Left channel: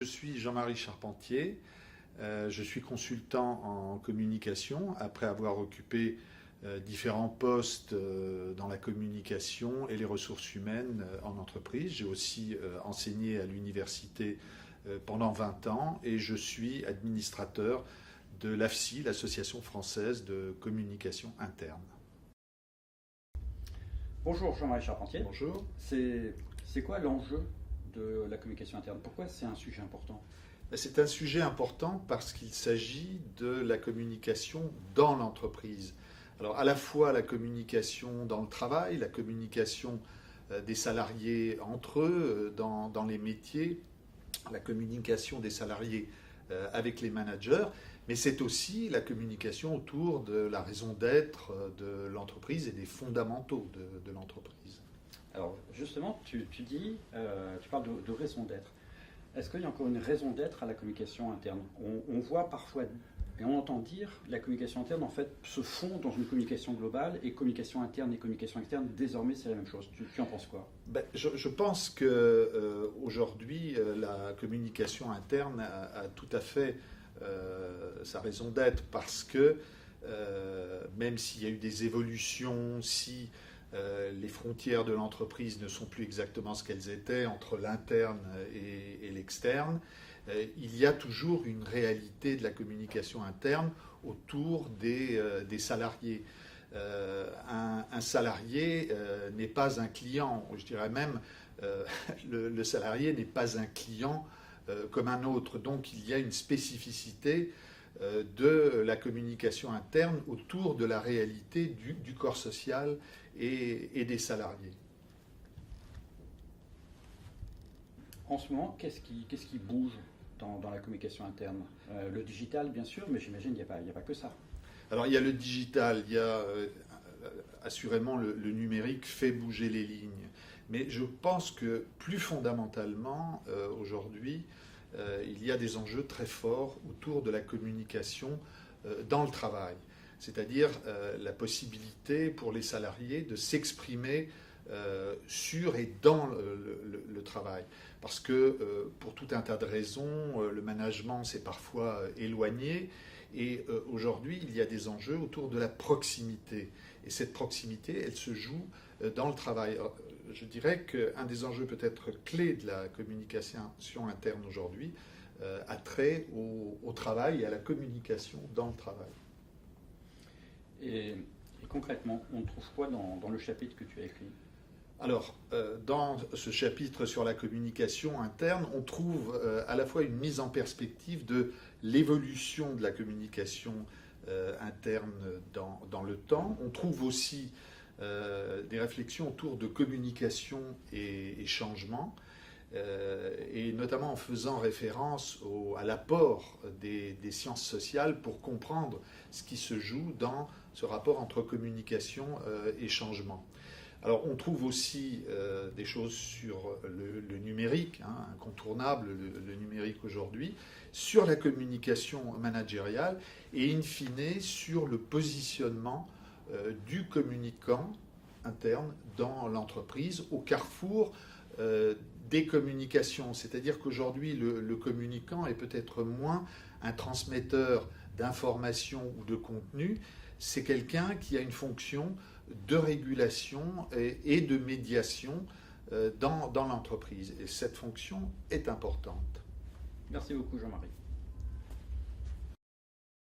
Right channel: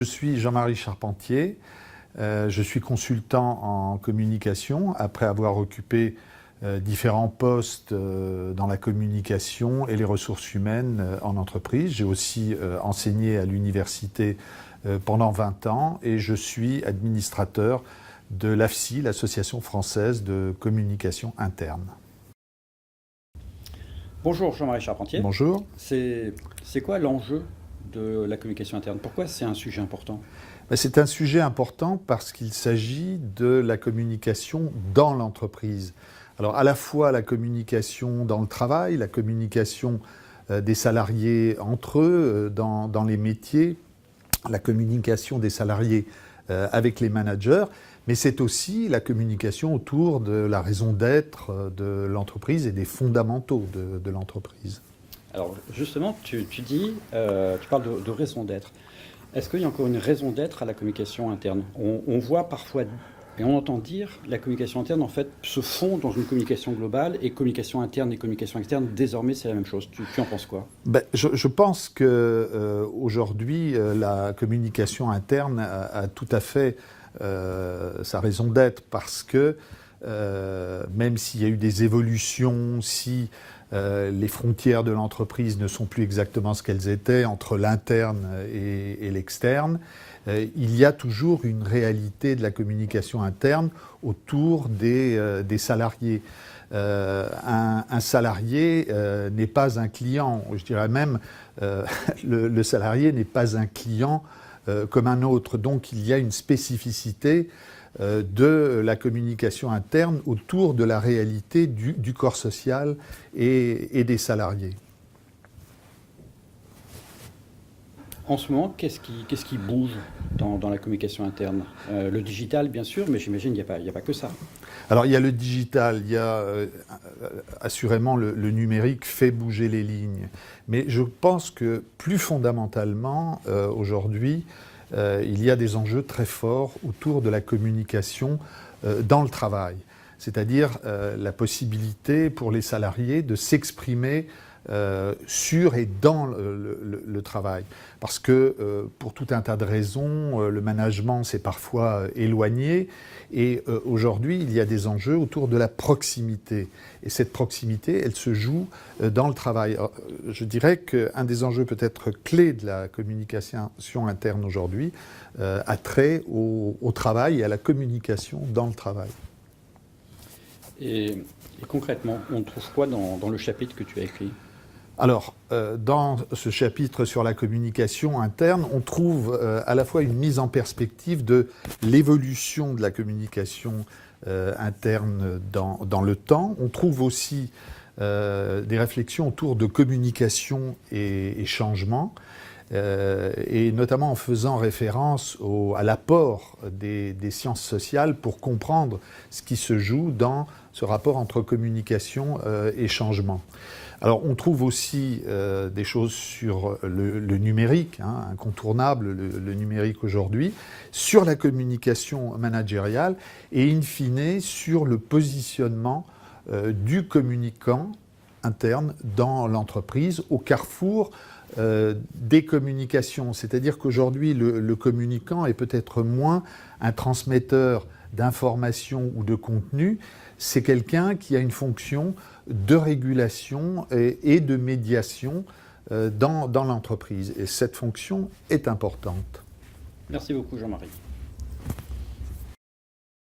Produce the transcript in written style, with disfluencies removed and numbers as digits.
Je suis Jean-Marie Charpentier, je suis consultant en communication après avoir occupé différents postes dans la communication et les ressources humaines en entreprise. J'ai aussi enseigné à l'université pendant 20 ans et je suis administrateur de l'AFSI, l'Association française de communication interne. Bonjour Jean-Marie Charpentier. Bonjour. C'est quoi l'enjeu de la communication interne? Pourquoi c'est un sujet important? C'est un sujet important parce qu'il s'agit de la communication dans l'entreprise. Alors à la fois la communication dans le travail, la communication des salariés entre eux dans les métiers, la communication des salariés avec les managers, mais c'est aussi la communication autour de la raison d'être de l'entreprise et des fondamentaux de l'entreprise. Alors justement, tu parles de raison d'être. Est-ce qu'il y a encore une raison d'être à la communication interne? On voit parfois et on entend dire que la communication interne en fait se fond dans une communication globale et communication interne et communication externe, désormais c'est la même chose. Tu en penses quoi? Je pense qu'aujourd'hui, la communication interne a tout à fait sa raison d'être parce que même s'il y a eu des évolutions, si les frontières de l'entreprise ne sont plus exactement ce qu'elles étaient entre l'interne et l'externe, il y a toujours une réalité de la communication interne autour des salariés. Un salarié n'est pas un client, je dirais même le salarié n'est pas un client comme un autre. Donc il y a une spécificité de la communication interne autour de la réalité du corps social et des salariés. En ce moment, qu'est-ce qui bouge dans la communication interne? Le digital, bien sûr, mais j'imagine qu'il n'y a pas que ça. Alors il y a le digital, il y a assurément le numérique fait bouger les lignes. Mais je pense que plus fondamentalement, aujourd'hui, il y a des enjeux très forts autour de la communication dans le travail. C'est-à-dire la possibilité pour les salariés de s'exprimer sur et dans le travail. Parce que pour tout un tas de raisons, le management s'est parfois éloigné et aujourd'hui il y a des enjeux autour de la proximité. Et cette proximité, elle se joue dans le travail. Alors, je dirais qu'un des enjeux peut-être clés de la communication interne aujourd'hui a trait au travail et à la communication dans le travail. Et concrètement, on trouve quoi dans le chapitre que tu as écrit? Alors, dans ce chapitre sur la communication interne, on trouve à la fois une mise en perspective de l'évolution de la communication interne dans le temps. On trouve aussi des réflexions autour de communication et changement, et notamment en faisant référence à l'apport des sciences sociales pour comprendre ce qui se joue dans ce rapport entre communication et changement. Alors on trouve aussi des choses sur le numérique, incontournable le numérique aujourd'hui, sur la communication managériale et in fine sur le positionnement du communicant interne dans l'entreprise au carrefour des communications. C'est-à-dire qu'aujourd'hui le communicant est peut-être moins un transmetteur d'informations ou de contenu, c'est quelqu'un qui a une fonction de régulation et de médiation dans l'entreprise. Et cette fonction est importante. Merci beaucoup Jean-Marie.